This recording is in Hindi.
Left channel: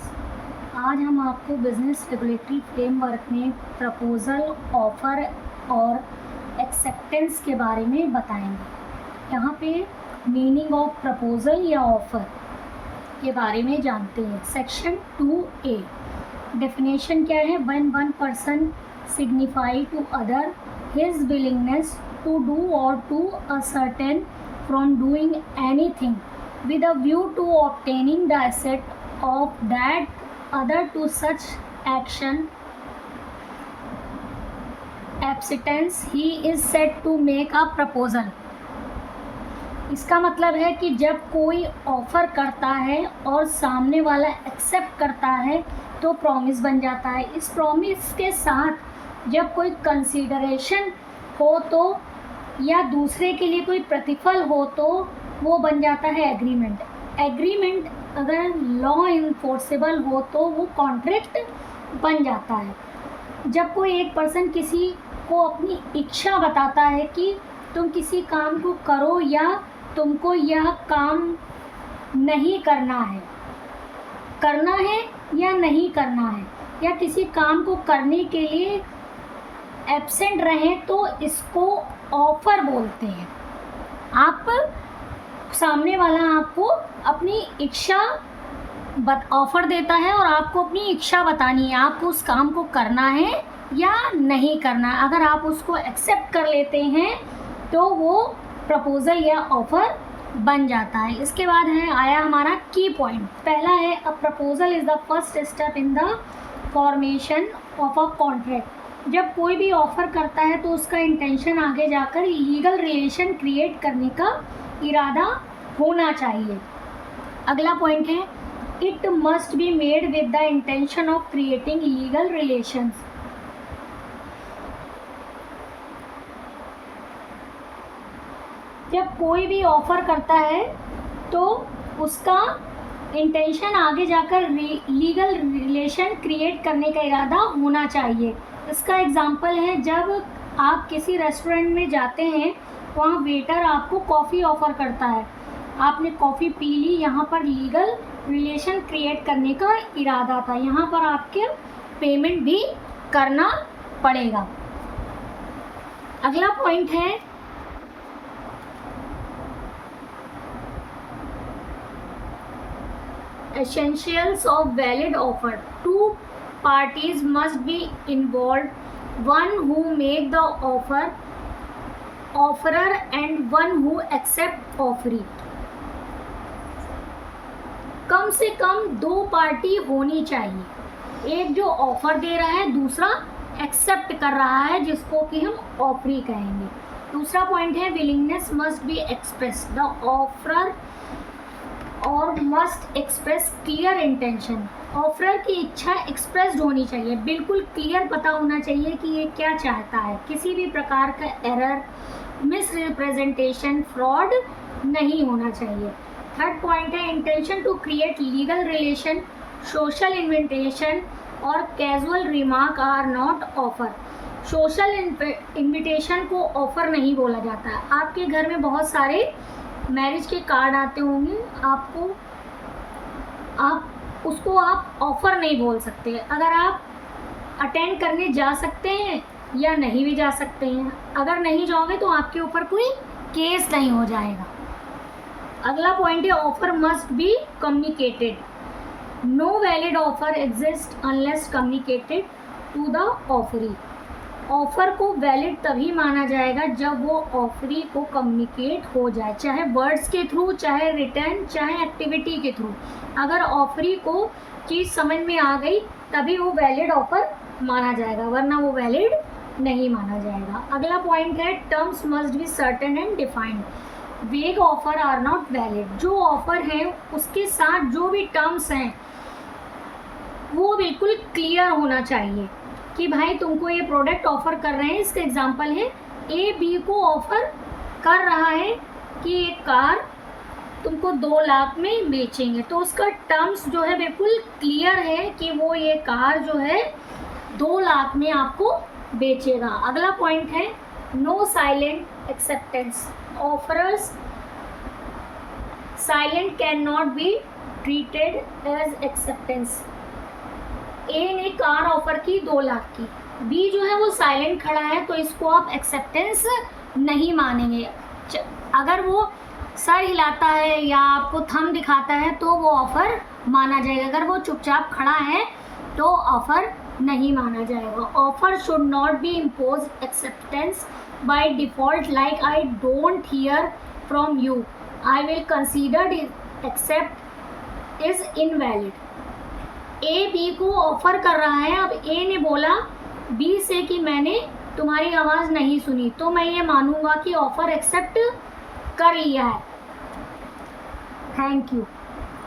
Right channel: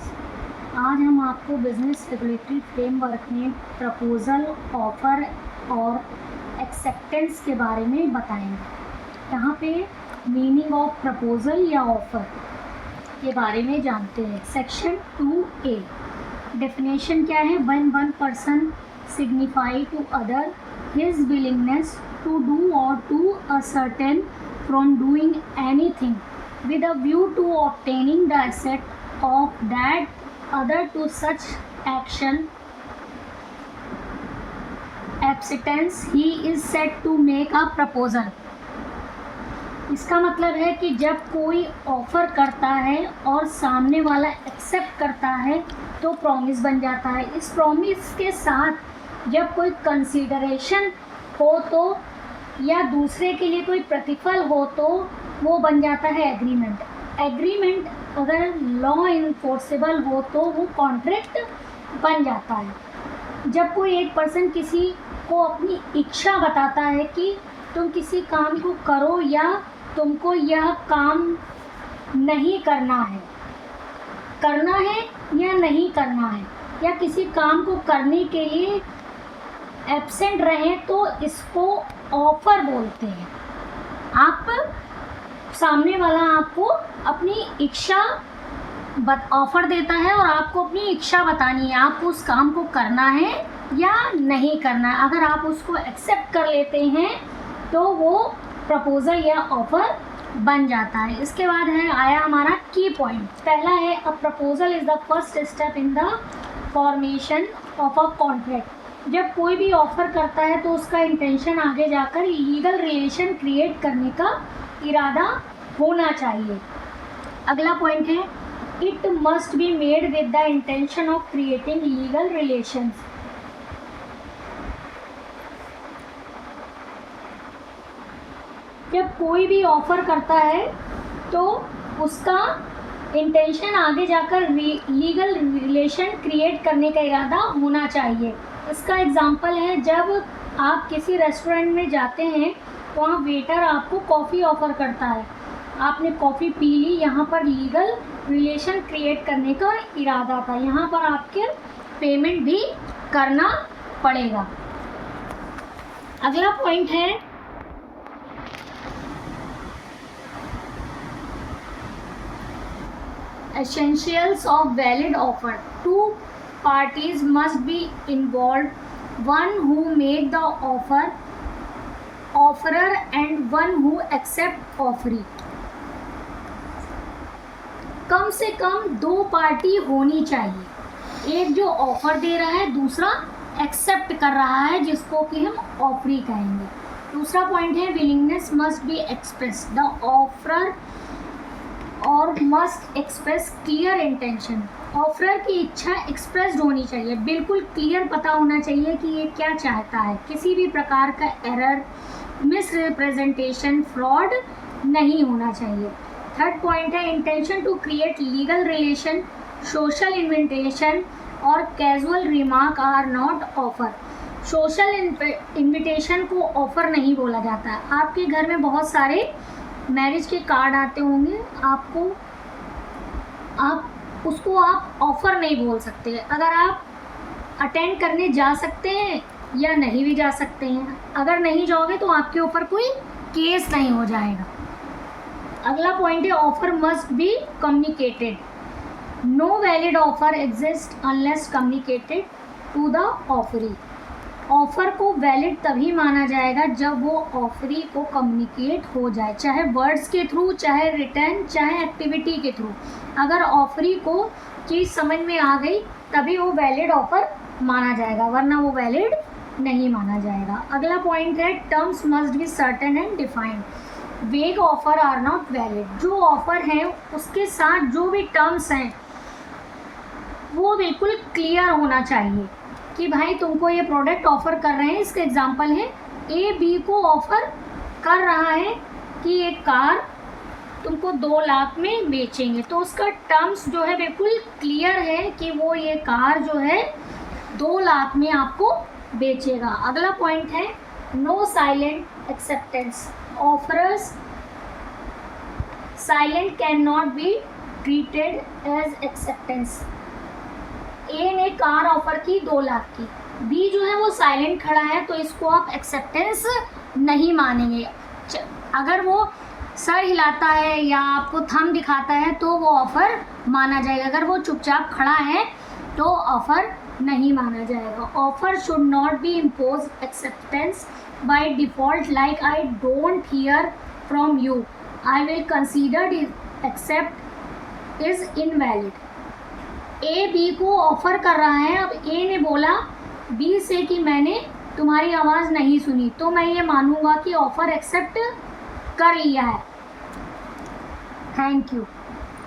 स्टूडेंट्स, आज हम आपको बिजनेस रेगुलेटरी फ्रेमवर्क में प्रपोज़ल, ऑफ़र और एक्सेप्टेंस के बारे में बताएंगे। यहाँ पे मीनिंग ऑफ प्रपोज़ल या ऑफ़र के बारे में जानते हैं। सेक्शन 2A डेफिनेशन क्या है? When one person signify to other his willingness to do और to abstain from doing anything with a view to obtaining the asset of that other to such action abstinence he is said to make a proposal। इसका मतलब है कि जब कोई ऑफ़र करता है और सामने वाला एक्सेप्ट करता है तो प्रॉमिस बन जाता है। इस प्रॉमिस के साथ जब कोई कंसीडरेशन हो तो या दूसरे के लिए कोई प्रतिफल हो तो वो बन जाता है एग्रीमेंट। एग्रीमेंट अगर लॉ इन्फोर्सेबल हो तो वो कॉन्ट्रैक्ट बन जाता है। जब कोई एक पर्सन किसी को अपनी इच्छा बताता है कि तुम किसी काम को करो या तुमको यह काम नहीं करना है या नहीं करना है, या किसी काम को करने के लिए एब्सेंट रहें तो इसको ऑफ़र बोलते हैं। आप सामने वाला आपको अपनी इच्छा ऑफ़र देता है और आपको अपनी इच्छा बतानी है, आपको उस काम को करना है या नहीं करना है। अगर आप उसको एक्सेप्ट कर लेते हैं तो वो प्रपोज़ल या ऑफ़र बन जाता है। इसके बाद आया हमारा की पॉइंट। पहला है a proposal is the first step in the formation of a contract. जब कोई भी ऑफ़र करता है तो उसका इंटेंशन आगे जाकर लीगल रिलेशन क्रिएट करने का इरादा होना चाहिए। अगला पॉइंट है it must be made with the intention of creating legal relations. जब कोई भी ऑफ़र करता है तो उसका इंटेंशन आगे जाकर लीगल रिलेशन क्रिएट करने का इरादा होना चाहिए। इसका एग्जांपल है जब आप किसी रेस्टोरेंट में जाते हैं, वहाँ वेटर आपको कॉफ़ी ऑफ़र करता है, आपने कॉफ़ी पी ली, यहाँ पर लीगल रिलेशन क्रिएट करने का इरादा था, यहाँ पर आपके पेमेंट भी करना पड़ेगा। अगला पॉइंट है essentials of valid offer। Two parties must be involved, one who make the offer, offerer and one who accept offeree। कम से कम दो पार्टी होनी चाहिए, एक जो ऑफर दे रहा है, दूसरा एक्सेप्ट कर रहा है जिसको कि हम ऑफरी कहेंगे। दूसरा पॉइंट है willingness must be express, the offerer और must express clear intention. Offerer की इच्छा एक्सप्रेस्ड होनी चाहिए, बिल्कुल क्लियर पता होना चाहिए कि ये क्या चाहता है। किसी भी प्रकार का एरर, मिसरिप्रेजेंटेशन, फ्रॉड नहीं होना चाहिए। थर्ड पॉइंट है intention to create legal relation, social invitation और casual remark are not offer. Social invitation को ऑफ़र नहीं बोला जाता है। आपके घर में बहुत सारे मैरिज के कार्ड आते होंगे, आप उसको ऑफ़र नहीं बोल सकते। अगर आप अटेंड करने जा सकते हैं या नहीं भी जा सकते हैं, अगर नहीं जाओगे तो आपके ऊपर कोई केस नहीं हो जाएगा। अगला पॉइंट है offer must be communicated, no valid offer exist unless communicated to the offeree. Offer को वैलिड तभी माना जाएगा जब वो ऑफरी को कम्युनिकेट हो जाए, चाहे वर्ड्स के थ्रू, चाहे रिटर्न, चाहे एक्टिविटी के थ्रू। अगर ऑफरी को चीज़ समझ में आ गई तभी वो वैलिड ऑफ़र माना जाएगा, वरना वो वैलिड नहीं माना जाएगा। अगला पॉइंट है terms must be certain and defined, वेग ऑफर आर नॉट वैलिड। जो ऑफ़र है उसके साथ जो भी टर्म्स हैं वो बिल्कुल क्लियर होना चाहिए कि भाई तुमको ये प्रोडक्ट ऑफ़र कर रहे हैं। इसका एग्जांपल है ए बी को ऑफ़र कर रहा है कि ये कार तुमको 2 लाख में बेचेंगे, तो उसका टर्म्स जो है बिल्कुल क्लियर है कि वो ये कार जो है 2 लाख में आपको बेचेगा। अगला पॉइंट है no silent acceptance, offerer's silent can not be treated as acceptance. A ने कार ऑफर की 2 लाख की, बी जो है वो साइलेंट खड़ा है तो इसको आप एक्सेप्टेंस नहीं मानेंगे। अगर वो सर हिलाता है या आपको थंब दिखाता है तो वो ऑफ़र माना जाएगा, अगर वो चुपचाप खड़ा है तो ऑफ़र नहीं माना जाएगा। Offer should not be impose acceptance by default, like I don't hear from you, I will consider accept is invalid. A B को ऑफ़र कर रहा है, अब ए ने बोला बी से कि मैंने तुम्हारी आवाज़ नहीं सुनी, तो मैं ये मानूंगा कि ऑफ़र एक्सेप्ट कर लिया है। Thank you.